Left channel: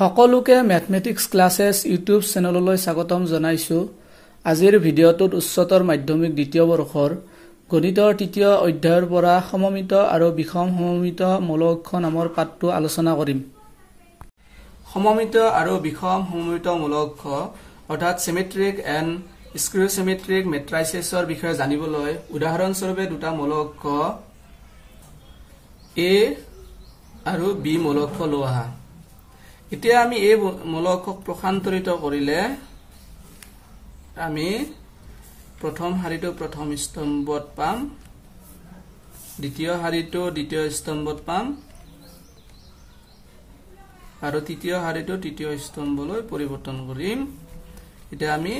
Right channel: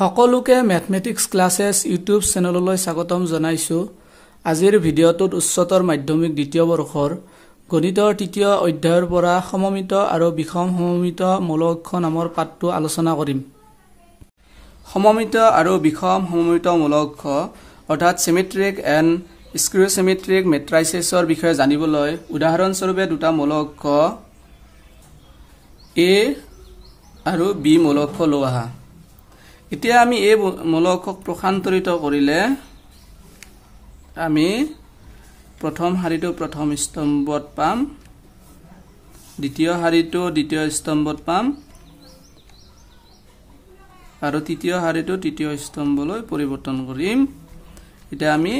সকলোকে mathematics ক্লাसेस YouTube চেনেললৈ স্বাগতম জনাইছো। আজিৰ ভিডিঅ'টোত উচ্চতৰ মাধ্যমিক দ্বিতীয় বৰ্ষৰ গণিতৰ তৃতীয় অধ্যায়ৰ পৰা সমমিত আৰু বিষম সমমিত মূলক নামৰ পাঠটো আলোচনা কৰিম। সমমিত আৰু বিষম সমমিত মূলক অৰ্থাৎ সিমেট্ৰিক এণ্ড স্কিউচিমেট্ৰিক মেট্ৰাইচেছৰ বিষয়ে জানিবলৈ উদাহৰণস্বৰূপে দুটা মূলক এ আৰু বি মূলক লোৱা। এতিয়া আমি এই মূলকক প্ৰসান্তৰিত কৰিলে আমি প্ৰথম শাৰীটো প্ৰথম স্তম্ভত পাম, দ্বিতীয় শাৰীটো দ্বিতীয় স্তম্ভত পাম আৰু তৃতীয় শাৰীটো তৃতীয় স্তম্ভলৈ পৰিৱৰ্তন কৰিম। এতিয়া আমি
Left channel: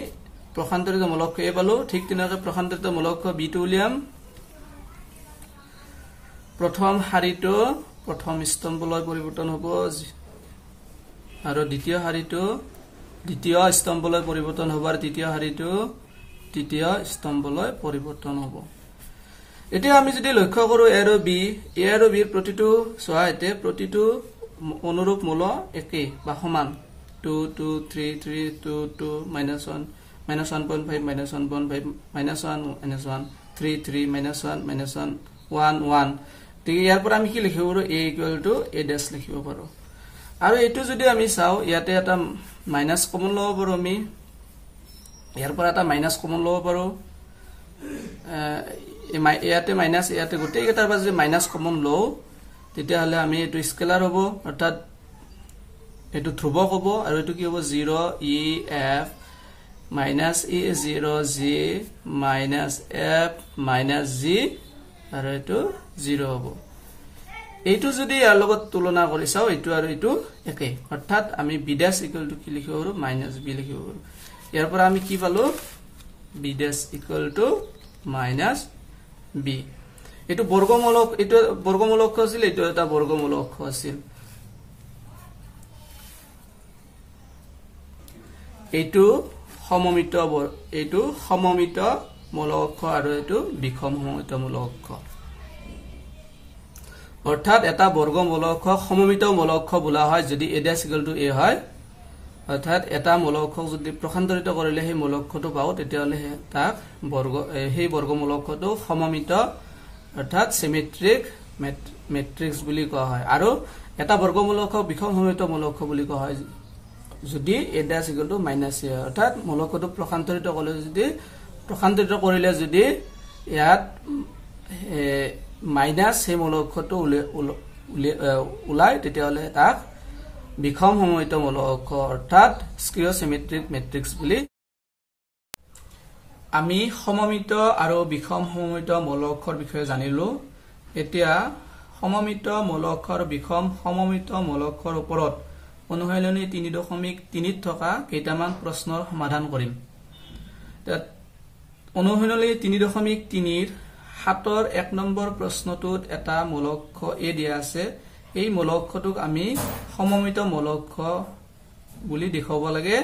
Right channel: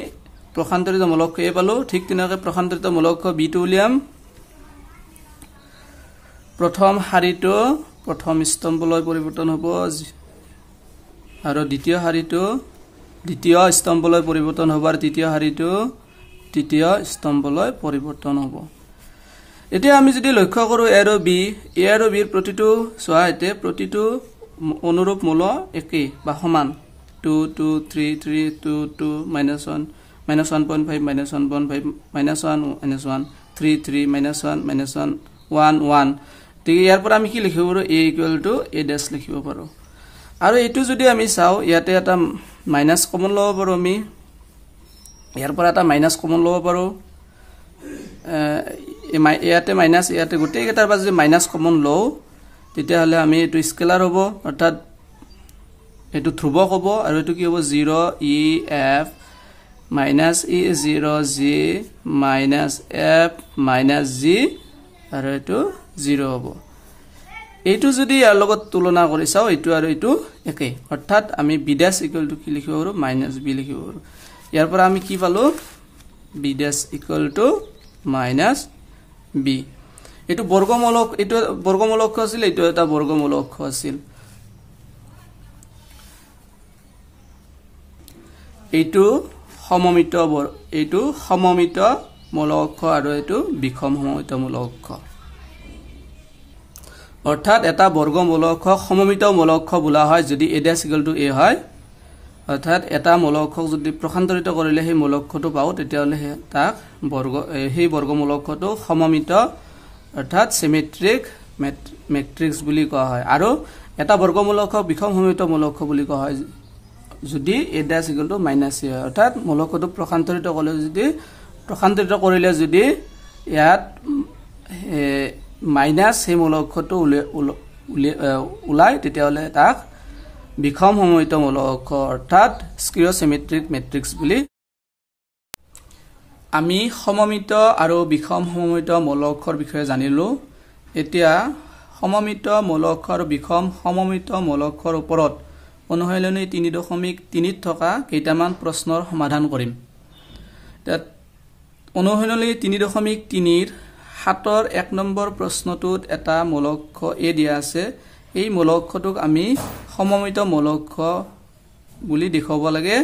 প্ৰসান্তৰিত মূলক এ পালো, ঠিক তেনেকৈ প্ৰসান্তৰিত মূলক বিটো উলিয়াম। প্ৰথম শাৰীটো প্ৰথম স্তম্ভলৈ পৰিৱৰ্তন হ'ব আৰু দ্বিতীয় শাৰীটো দ্বিতীয় স্তম্ভলৈ পৰিৱৰ্তন হ'ব আৰু তৃতীয় শাৰীটো তৃতীয় স্তম্ভলৈ পৰিৱৰ্তন হ'ব। এতিয়া আমি যদি লক্ষ্য কৰো এ আৰু বিৰ প্ৰতিটো সোৱাইতে প্ৰতিটো অনুৰূপ মূল একে বা সমান 2 2 3 3 2 2 -1 -1.5 -1.5 -1 3 3 -1 1 1। ঠিক ইয়াৰ পৰা আমি কি লিখিব পাৰো a = a ড্যাশ লিখিব পাৰো। আৰু এটো যদি আমি চাও ইয়াতে এটা মাইনাস কমন লব পাৰো, আমি ইয়াৰ পৰা এটা মাইনাস কমন লব পাৰো। ইয়াতে মাইনাস ইয়াতে গোটেই কেইটাৰ পৰা যদি মাইনাস কমন লও তেতিয়া হলে আমি এটো স্কেলাৰ হ'ব, অৰ্থাৎ এটো ধ্ৰুৱক হ'ব আৰু এটো কি হ'ব 0 e f - e 0 g - f - g আৰু এটো 0 হ'ব। এইটো যদি ইয়াৰ লগত তুলনা কৰি চাও এইটো আৰু এইটো একে, অৰ্থাৎ আমি b' = কি লিখিব পাৰো -b লিখিব পাৰো। ইয়াৰ পৰা আমি কি পালো b' = -b। এইটো বৰ্গমূলক, এইটো বৰ্গমূলক আছিল, এইটো এটা বৰ্গমূলক আছিল। এইটো সমমিত মূলক আৰু এইটো বিষম সমমিত মূলক। অৰ্থাৎ এটা বৰ্গমূলক সমমিত মূলক বোলা হয় যদি a' = a হয়, অৰ্থাৎ এটা মূলকক যদি প্ৰসান্তৰিত কৰিলে সেই মূলকটো পাও তেতিয়া হলে তাক সেই বৰ্গমূলকটো সমমিত অৰ্থাৎ সিমেট্ৰিক মেট্ৰিক্স বুলি কোৱা হয়। আৰু এটা বৰ্গমূলক বিষম সমমিত মূলক বুলি কোৱা হয় যদি a' = -a হয়, অৰ্থাৎ মূলকটো প্ৰসান্তৰিত কৰিলে যদি ইয়াত মাইনাস সেই মূলকটো ওলাই তেতিয়া হলে তাক বিষম সমমিত মূলক অৰ্থাৎ স্কিউচিমেট্ৰিক মেট্ৰিক্স বুলি। আমি সমমিত আৰু বিষম সমমিত মূলকৰ বিষয়ে জানিলো। এতিয়া সমমিত মূলক আৰু বিষম সমমিত মূলকৰ ওপৰত অনুশীলনী 3.3 থকা কেইটামান প্ৰশ্নৰ সমাধান কৰিম। অনুশীলনী 3.3 7ৰ 1 নম্বৰ প্ৰশ্নটোত এটা মূলক a দিয়া আছে। এই মূলকটোক আমি সমমিত মূলক বুলি দেখাব লাগে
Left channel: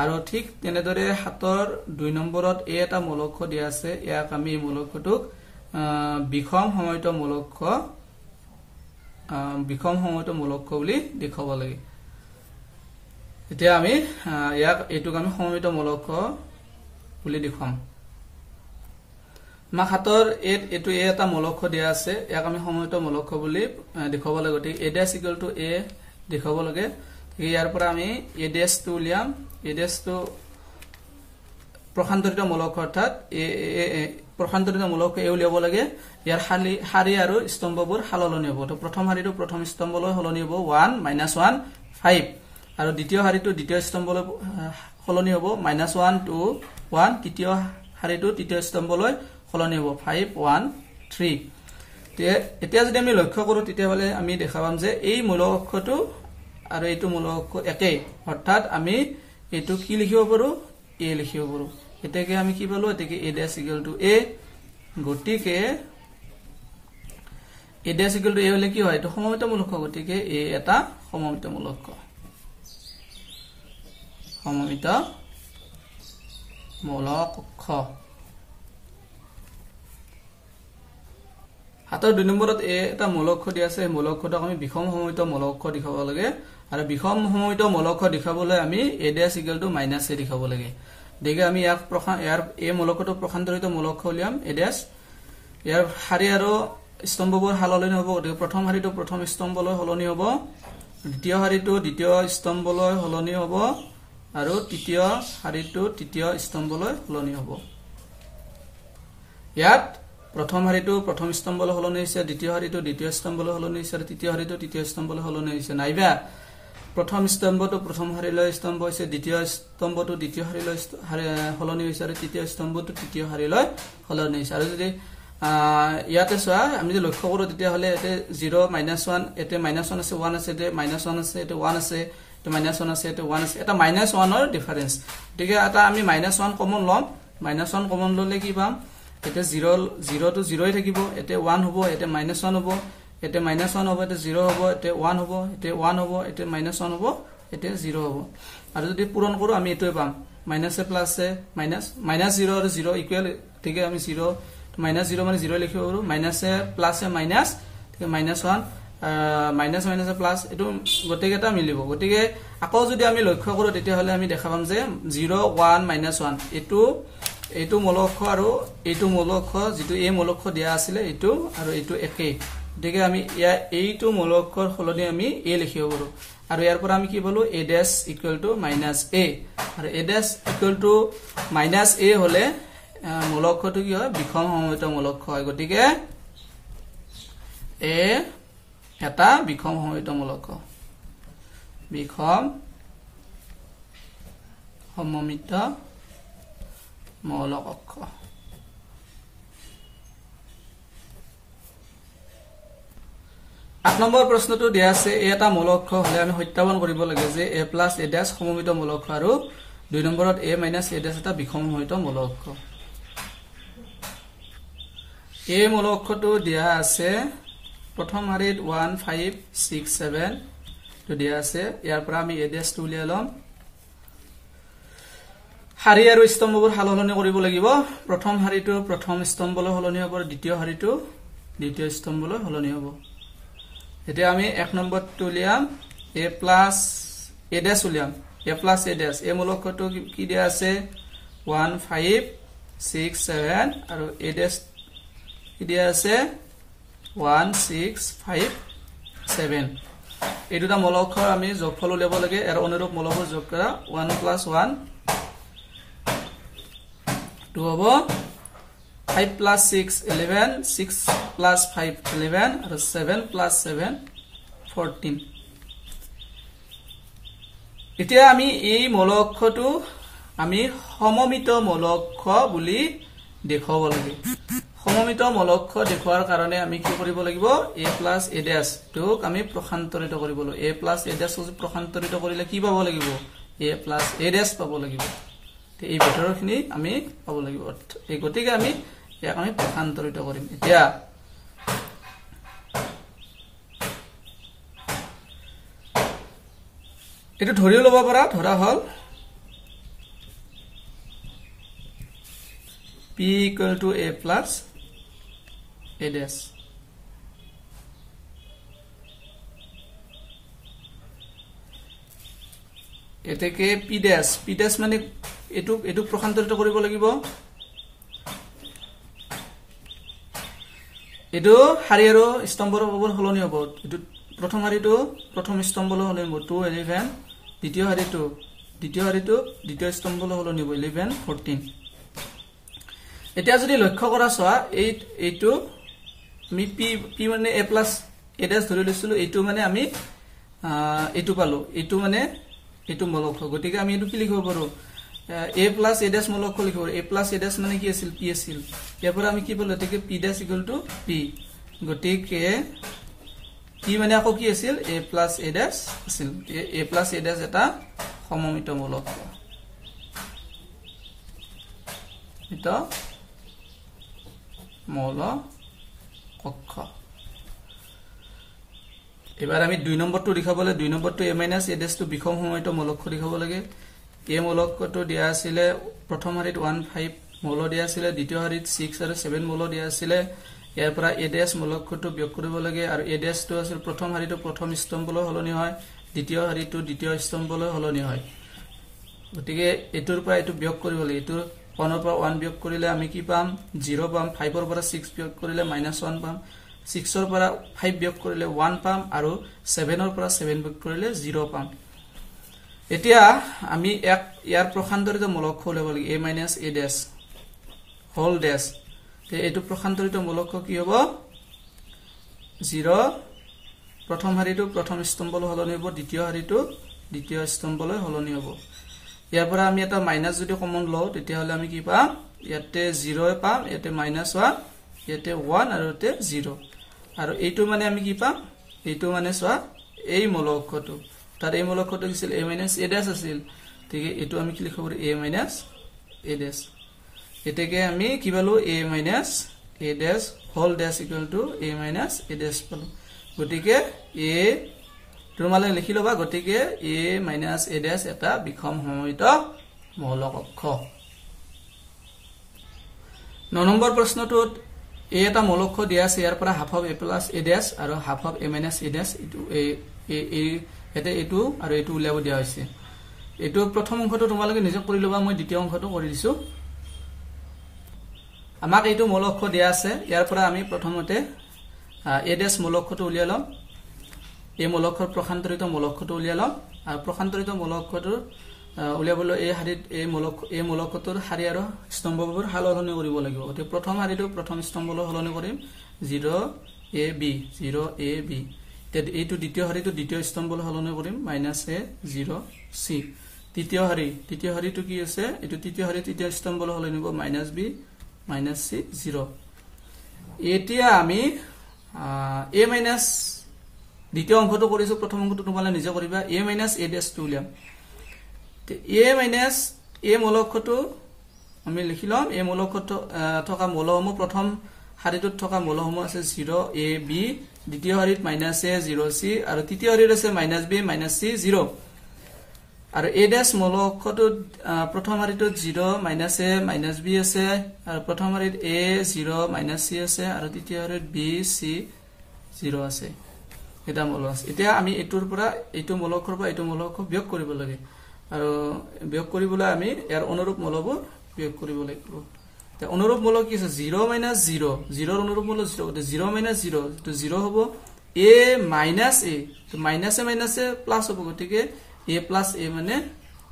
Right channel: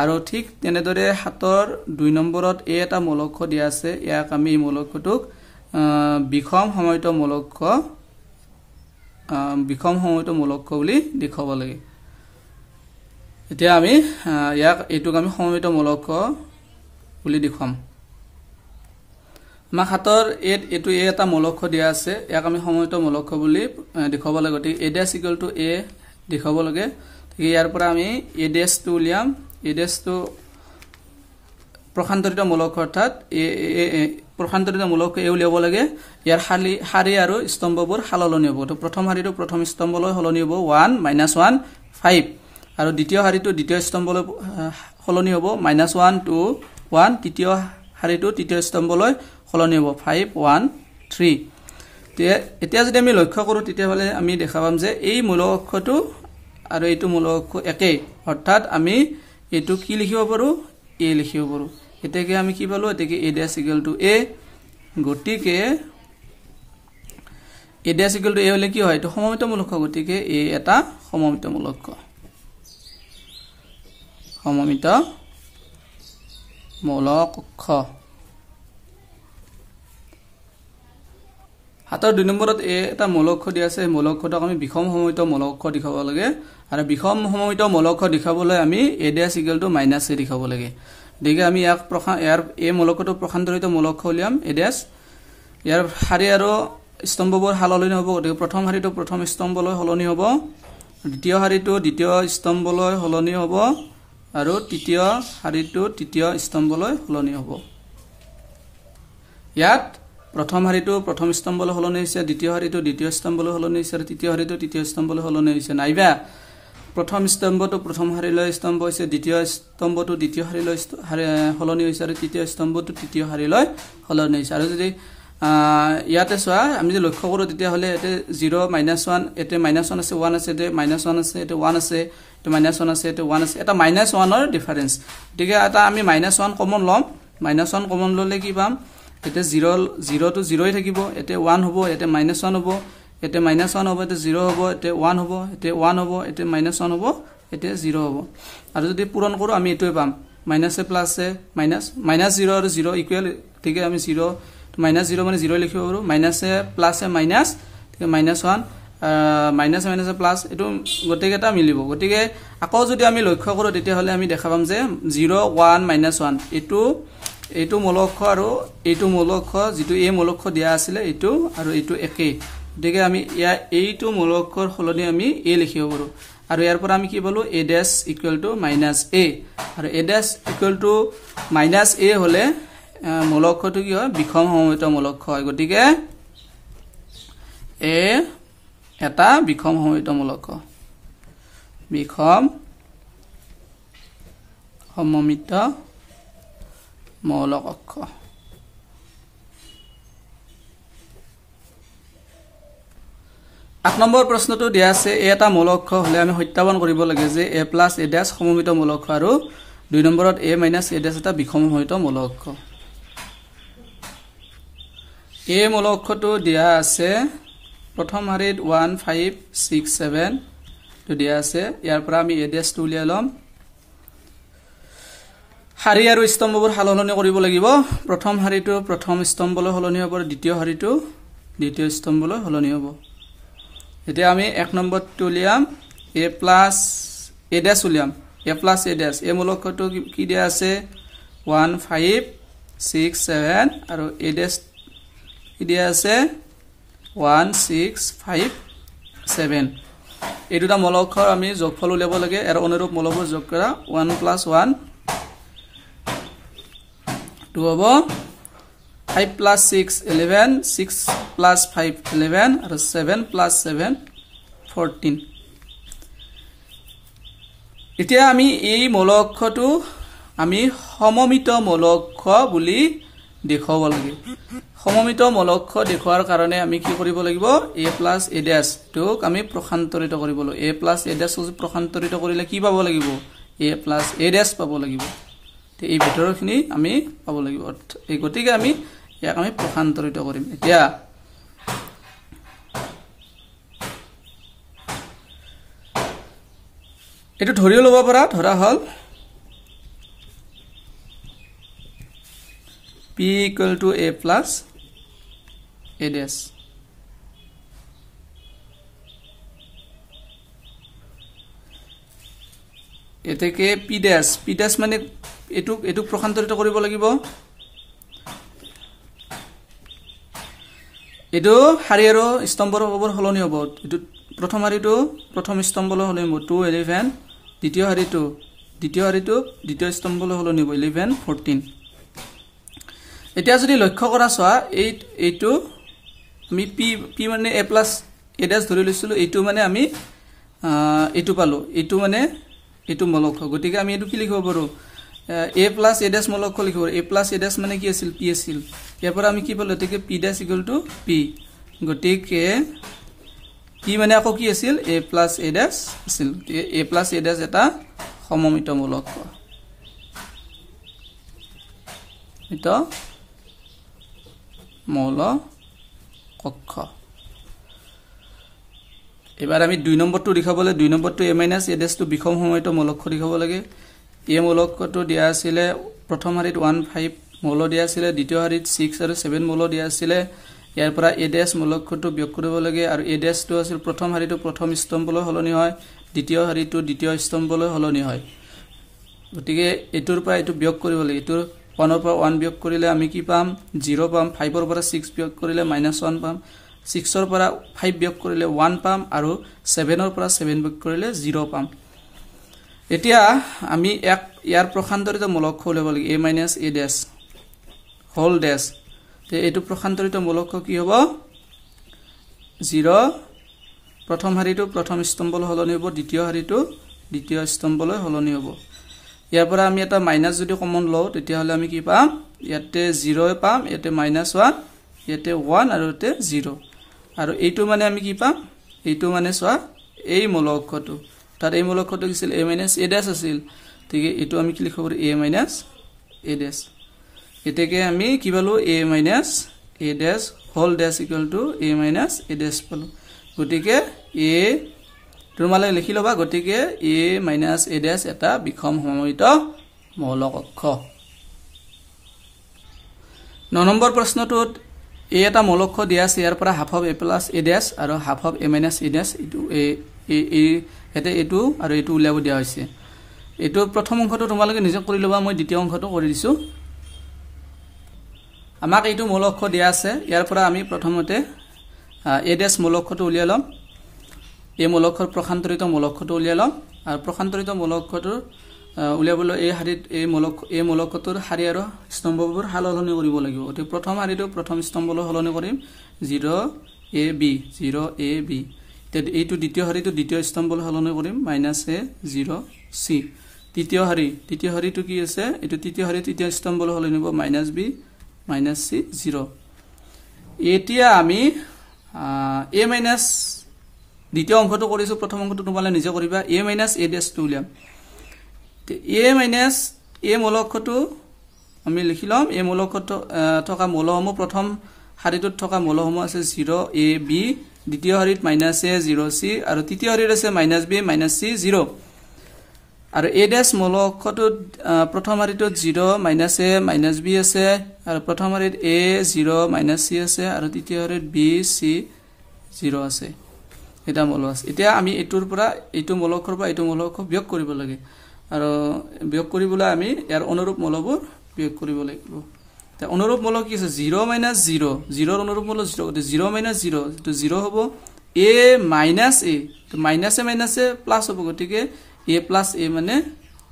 আৰু ঠিক তেনেদৰে 7ৰ 2 নম্বৰত এটা মূলক দিয়া আছে, ইয়াক আমি মূলকটোক বিষম সমমিত মূলক বুলি দেখাব লাগে। এতিয়া আমি এইটোক আমি সমমিত মূলক বুলি দেখাম। আমাক 7ৰ এইটো এটা মূলক দিয়া আছে, ইয়াক আমি সমমিত মূলক বুলি দেখাব লাগে। গতিকে a' = a দেখাব লাগে। ইয়াৰ পৰা আমি a' টো উলিয়াম। a' টো প্ৰসান্তৰিত মূলক, অৰ্থাৎ প্ৰসান্তৰিত মূলক এ উলিয়াব লাগে। ইয়াৰ শাৰী আৰু স্তম্ভবোৰ সলনি হ'ব। প্ৰথম শাৰীটো প্ৰথম স্তম্ভলৈ সলনি হ'ব 1 -1 5 আৰু দ্বিতীয় শাৰীটো দ্বিতীয় স্তম্ভলৈ সলনি হ'ব -1 2 1, তৃতীয় শাৰীটো তৃতীয় স্তম্ভলৈ সলনি হ'ব 5 1 3। এতিয়া যদি আমি লক্ষ্য কৰো তেতিয়া হলে আমি দেখা পাম যে এই মূলকটো আৰু এইটো মূলক একে, অৰ্থাৎ আমি এইটো কি লিখিব পাৰো a লিখিব পাৰো। এতেকে আমি কি পালো, এতেকে a' = a। গতিকে a' = a হলে কি হয়, এইটো সমমিত মূলক। গতিকে a এটা সমমিত মূলক। সমমিত মূলক। 7ৰ 2 নম্বৰত এটা মূলক দিয়া আছে, মূলকটোক আমি বিষম সমমিত মূলক দেখাব লাগে আৰু বিষম সমমিত মূলক দেখাবলৈ আমি a dash equal to minus a দেখাব লাগে দেখে আমি ইয়াৰ এই মূলকটো প্ৰসান্তৰিত মূলক উলিয়াম a dash ইয়াৰ শাৰী আৰু স্তম্ভবোৰ হালনি হ'ব গতিকে প্ৰথম শাৰীটো প্ৰথম স্তম্ভলৈ হলনি হ'ব দ্বিতীয় শাৰীটো দ্বিতীয় স্তম্ভলৈ হলনি হ'ব আৰু তৃতীয় শাৰীটো তৃতীয় স্তম্ভলৈ হলনি হ'ব ইয়াত প্ৰথম শাৰীটো প্ৰথম স্তম্ভলৈ হলনি হৈছে দ্বিতীয় শাৰীটো দ্বিতীয় স্তম্ভলৈ হলনি হৈছে আৰু তৃতীয় শাৰীটো তৃতীয় স্তম্ভলৈ হলনি হৈছে নাইবা প্ৰথম স্তম্ভটো প্ৰথম শাৰীলৈ স্তম্ভ হৈছে দ্বিতীয় স্তম্ভটো দ্বিতীয় শাৰীলৈ হলনি হৈছে আৰু তৃতীয় স্তম্ভটো তৃতীয় শাৰীলৈ হলনি হৈছে আৰু যদি ইয়াতে চোৱা আমি যে লক্ষ্য কৰো তেতিয়া হলে এতে 0 -1 এতে -1 আছে 1 আছে এতে -1 আছে এতে 1 আছে এতে -1 আছে এতে 1 আছে এটা -1 ৰ ডিফাৰেন্স ঠিক আছে এটা আমি -1 কমন লম -1 কমন ললে কি পাম এতে 0 to 0 থাকিব এতে 1 হ'ব এতে -1 হ'ব এতে -1 হ'ব এতে 0 হ'ব এতে 1 হ'ব এতে 1 হ'ব এতে -1 হ'ব এতে 0 হ'ব আৰু যদি পূৰণ কৰো আমি এটোই পাম মাইনাস এ প্লাস এ -0 আৰু 0 ইকুৱেল ঠিক আছে আমি 0 -0 মানে 0 লিখিব পাৰো মাইনাস এ প্লাস এ মাইনাস ঠিক আছে -1 মাইনাস মাইনাস প্লাস এটো গটেকেটা মিলিব গটিকে আকৌ যদি আমি লক্ষ্য কৰো তেতিয়া হলে আমি দেখা পাম যে 0 1 -1 এটো মূলক আৰু এটো মূলক যেটো এই মূলক দিয়া আছিল এটো আৰু এটো একে গটিকে আমি এইটো মূলকৰ হলনি আমি a লিখিব পাৰো আৰু ইয়াৰ পৰা আমি কি বলো a dash equal to minus a আৰু a dash equal to minus a হলে মূলকটো কি হয় বিষম সমমিত মূলক হয় গটিকে a এটা বিষম সমমিত মূলক বিষম সমমিত মৌলক অক্ষ 8 নম্বৰ প্ৰশ্নটো দিয়া আছে এটা মূলক হলে আমি সত্যাপন কৰিব লাগে যে a plus a dash সমমিত মূলক আৰু 2 নম্বৰত a minus a dash এটা বিষম সমমিত মূলক a মূলকটো দিয়া আছে প্ৰথম শাৰীত 1 5 6 7 তো দিয়া আছে ইয়াৰ পৰা আমি a dash টো উলিয়াই লম শাৰী আৰু স্তম্ভবোৰ হালনি কৰিব লাগিব প্ৰথম শাৰীটো প্ৰথম স্তম্ভলৈ হলনি হ'ব দ্বিতীয় শাৰীটো দ্বিতীয় স্তম্ভলৈ হলনি হ'ব এতিয়া আমি 1 নম্বৰটো উলিয়াম a plus a dash উলিয়াম a plus a dash এই মূলকটো কি দিয়া আছে 1 5 6 7 আৰু a dash কি দিয়া আছে 1 6 5 7 এই দুটা মূলক আমি যোগফল উলিয়াব লাগে আৰু অনুৰূপ মূলকবোৰ যোগ কৰা 1 plus 1 2 হ'ব 5 plus 6 11 6 plus 5 11 আৰু 7 plus 7 14 এতিয়া আমি এই মূলকটো আমি সমমিত মূলক বুলি দেখাব লাগে সমমিত মূলক দেখুৱাৰ কাৰণে আমি কি কৰিব লাগিব a plus a dash টোক আমি প্ৰসান্তৰিত কৰিব লাগিব a plus a dash প্ৰসান্তৰিত কৰিলে কি পাব লাগিব a plus a dash পাব লাগিব এই ভিতৰখিনি আমি পাব লাগিব এই গতিকে আমি ইয়াক আমি প্ৰসান্তৰিত কৰিম এতিয়া এটো ধৰি লব পৰা ধৰা হল p equal to a plus a dash এতেকে p dash মানে এটু প্ৰসান্তৰিত কৰিব লাগিব এটো শাৰী আৰু স্তম্ভৰ ওপৰ হলনি হ'ব এটো প্ৰথম শাৰীটো প্ৰথম স্তম্ভলৈ হলনি হ'ব 2 11 দ্বিতীয় শাৰীটো দ্বিতীয় স্তম্ভলৈ হলনি হ'ব 11 14 এতিয়া যদি লক্ষ্য কৰা চোৱা এইটো আমি p মানে a plus a dash ধৰি লৈছিলো এইটো মানে আমি এইটো পালো এইটো মানে এইটো মূলক গতিকে আমি এইটো কি লিখিব পাৰো a plus a dash মূলক লিখিব a plus a dash মানে কি আছিল p আছিল ইয়াৰ পৰা আমি কি পালো এতেকে p dash equal to p গতিকে p মানে আকৌ কি আছিল a plus a dash আছিল a plus a dash এটা সমমিত মূলক এটা মৌলক কক্ষ এবাৰ আমি 2 নম্বৰটো দেখাবলৈ 2 নম্বৰটো a minus a dash টো বিষম সমমিত মূলক দেখাব লাগে এই মূলকটো দিয়া আছিল প্ৰথম শাৰীত 1 5 মূল দিয়া আছিল দ্বিতীয় শাৰীত 6 আৰু 7 মূল দিয়া আছিল ইয়াৰ পৰা a dash মূলকটো বিয়োগ কৰিব লাগে আৰু a dash টো আছিল প্ৰথম শাৰীটো প্ৰথম স্তম্ভলৈ হলনি হয় দ্বিতীয় শাৰীটো দ্বিতীয় স্তম্ভলৈ সলনি হয় গতিকে এটোৰ পৰা এটো বিয়োগ কৰিব লাগে এটো 1 ৰ পৰা 1 বিয়োগ কৰিলে আমি কি পাম 0 পাম 5 ৰ পৰা 6 বিয়োগ কৰিলে -1 পাম 6 ৰ পৰা 5 বিয়োগ কৰিলে 1 পাম আৰু 7 ৰ পৰা 7 বিয়োগ কৰিলে 0 পাম এতিয়া আমি ইয়াৰ প্ৰসান্তৰিত মূলক উলিয়াব লাগে a - a dash whole dash তে এটো প্ৰসান্তৰিত মূলক কি হ'ব 0 প্ৰথম শাৰীটো প্ৰথম স্তম্ভলৈ সলনি হ'ব দ্বিতীয় শাৰীটো দ্বিতীয় স্তম্ভলৈ সলনি হ'ব ইয়াৰ পৰা আমি এটা মাইনাস যদি কমন লওঁ তেতিয়া হলে আমি কি পাম ইয়াতে 0 পাম ইয়াতে -1 ইয়াতে 1 আৰু ইয়াতে 0 আৰু এইটো মানে আমি কি পাম এইটো মানে সোৱা এই মূলকটো তার এই মূলকটো কিছিল a - a dash আছিল ঠিক এইটো আমি কি লিখব a - a dash এটাকে আমি কি পালো a - a dash whole dash equal to a - a dash পালো গতিকে a তোমালে লিখি লবা গতিকে a - a dash এটা বিখম সমমিত মৌলক অক্ষ 9 নম্বৰ প্ৰশ্নটোত a এটা মৌলক অক্ষ দিয়া আছে ইয়াৰ পৰা half of a + a dash আৰু half of a - a dash ইটো এতে এটো আৰু এটো উলিয়াব দিয়া হৈছে এটো প্ৰথম অংশটো তোমালোকে নিজে কৰি লবা মই দ্বিতীয় অংশটো কৰি দিছো আমাক এইটো মৌলক অক্ষ দিয়া আছে ইয়াৰ পৰা আমি প্ৰথমতে a dash মৌলক অক্ষটো উলিয়াই লম এই মৌলকৰ প্ৰসান্তৰিত মৌলকটো উলিয়াই লম আৰু প্ৰসান্তৰিত মৌলকটো উলিয়াবলৈ এই মৌলকটোৰ শাৰী আৰু স্তম্ভবোৰ সলনি কৰিব লাগিব অতি প্ৰথম শাৰীটো প্ৰথম স্তম্ভলৈ সলনি কৰিম 0ab 0ab তে এইটো দ্বিতীয় শাৰীটো দ্বিতীয় স্তম্ভলৈ সলনি কৰিম -a 0c তৃতীয় শাৰীটো কি আছে এইটো তৃতীয় শাৰী তৃতীয় স্তম্ভলৈ সলনি হ'ব -b -c 0 এতিয়া আমি a দ্বিতীয় অংশটো কৰিছো প্ৰথম অংশটো তোমালে নিজে কৰিবা a - a dash টো উলিয়াম তে a মৌলকটো আমি লিখি লম এই মৌলকটো থকা মৌলসমূহ প্ৰথম শাৰীটোত থকা মৌলসমূহ আছে 0ab দ্বিতীয় শাৰীত -a 0c আৰু তৃতীয় শাৰীত আছে -b -c 0 আৰু a dash মৌলকটো প্ৰথম শাৰীটোত 0 -a -b আছে আৰু প্ৰথম শাৰীত a 0 - c আছে আৰু তৃতীয় শাৰীত b c 0 আছে এটা মৌলক আছে এতিয়া আমি এটোৰ পৰা এইটো মৌলকৰ পৰা এইটো মৌলক বিয়োগ কৰিব লাগে আৰু বিয়োগ কৰিবলৈ আমি ইয়াৰ অনুৰূপ মৌলবোৰ বিয়োগ কৰিব লাগিব তে অনুৰূপ মৌলক কি আছে 0 - 0 0 ৰ অনুৰূপ মৌল 0 তে 0 - 0 তো 0 হ'ব a - a তো -a প্লাস হ'ব গতিকে a + a মানে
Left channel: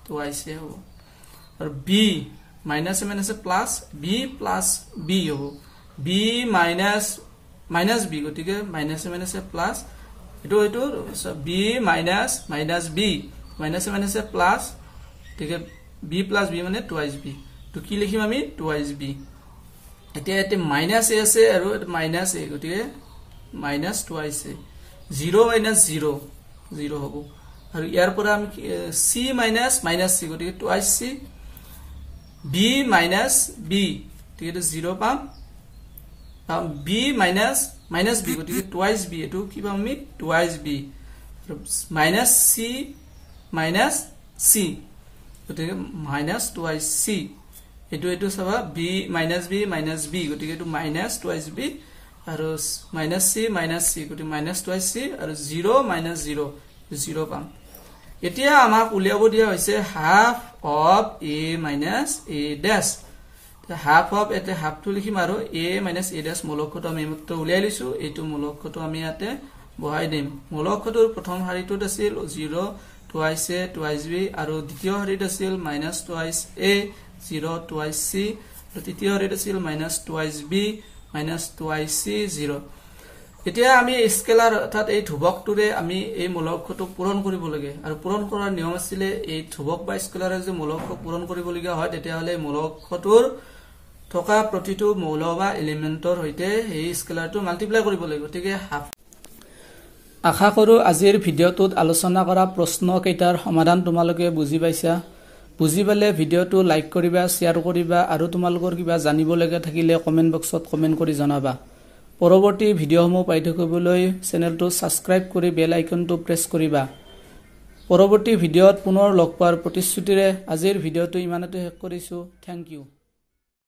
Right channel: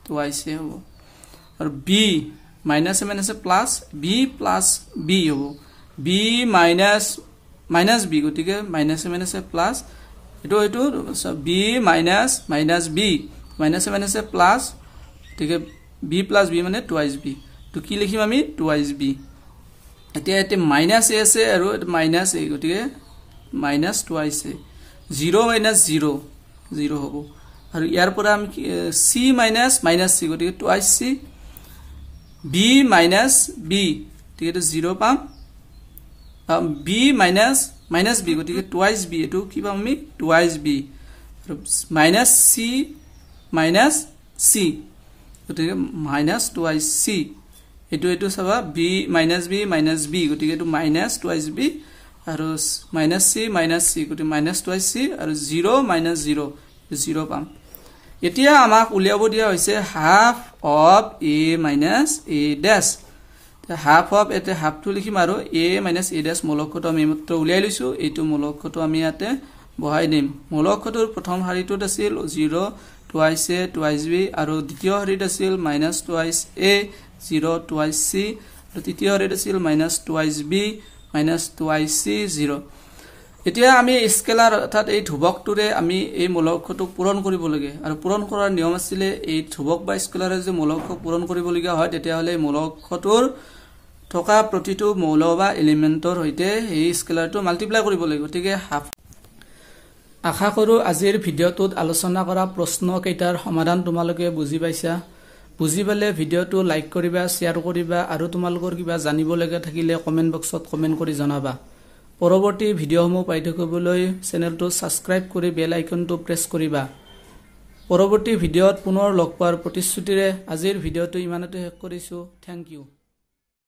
twice হ'ব আৰু b -a plus b + b হ'ব b - b গতিকে -a প্লাস এটো b - b -a প্লাস গতিকে b + b মানে twice b তো কি লিখিম আমি twice b এতিয়া এতে -a আছে আৰু এটা -a গতিকে -twice a 0 - 0 0 হ'ব আৰু ইয়াৰ পৰা আমি c - c গতিকে twice c b - b ঠিক আছে 0 পাম b - b গতিকে twice b এটো কি পাম আমি twice b -c - c গতিকে -twice c এটো চাবা b - b গতিকে এটো -twice b আৰু -c - c গতিকে -twice c আৰু 0 - 0 0 পাম এতিয়া আমাক উলিয়াব দিয়া হৈছে half of a - a dash half of এতে হাফটো লিখিম আৰু a - a dash মৌলকটো আমি মাত্ৰ উলিয়াই লৈছো এইটো মৌলকটো আমি ইয়াতে বহাই দিম মৌলকটোৰ প্ৰথম শাৰীটোত আছিল 0 twice a twice b আৰু দ্বিতীয় শাৰীত আছিল -twice a 0 twice c আৰু তৃতীয় শাৰীত আছিল -twice b -twice c 0 এতিয়া আমি স্কেলাৰ অৰ্থাৎ এই ধ্ৰুৱকটোৰে আমি এই মৌলকটো পূৰণ কৰিব লাগে আৰু পূৰণ কৰাৰ নিয়ম আছিল এই ধ্ৰুৱক বা স্কেলাৰে যে মৌলক পূৰণ কৰিব লগা হয় তেতিয়া হলে মৌলকটোৰ থকা প্ৰতিটো মৌল বা এলিমেন্টৰ হৈতে এই স্কেলাৰটো মাল্টিপ্লাই কৰিব লাগে গতিকে হাফ আশা কৰো আজিৰ ভিডিঅ'টোত আলোচনা কৰা প্ৰশ্ন কেইটাৰ সমাধান তোমালোকে বুজি পাইছা বুজি পালে ভিডিঅ'টো লাইক কৰিবা শেয়াৰ কৰিবা আৰু তোমালোকৰ কিবা জানিব লগা থাকিলে কমেন্ট বক্সত কমেন্ট কৰি জনাবা পৰৱৰ্তী ভিডিঅ'সমূহ পাই থাকিবলৈ চেনেলটো সাবস্ক্ৰাইব কৰি বেল আইকনটো প্ৰেছ কৰিবা পৰৱৰ্তী ভিডিঅ'ত পুনৰ লগ পোৱাৰ প্ৰতিশ্ৰুতিৰে আজিৰ ভিডিঅ'টো ইমানতে শেষ কৰিছো থ্যাংক ইউ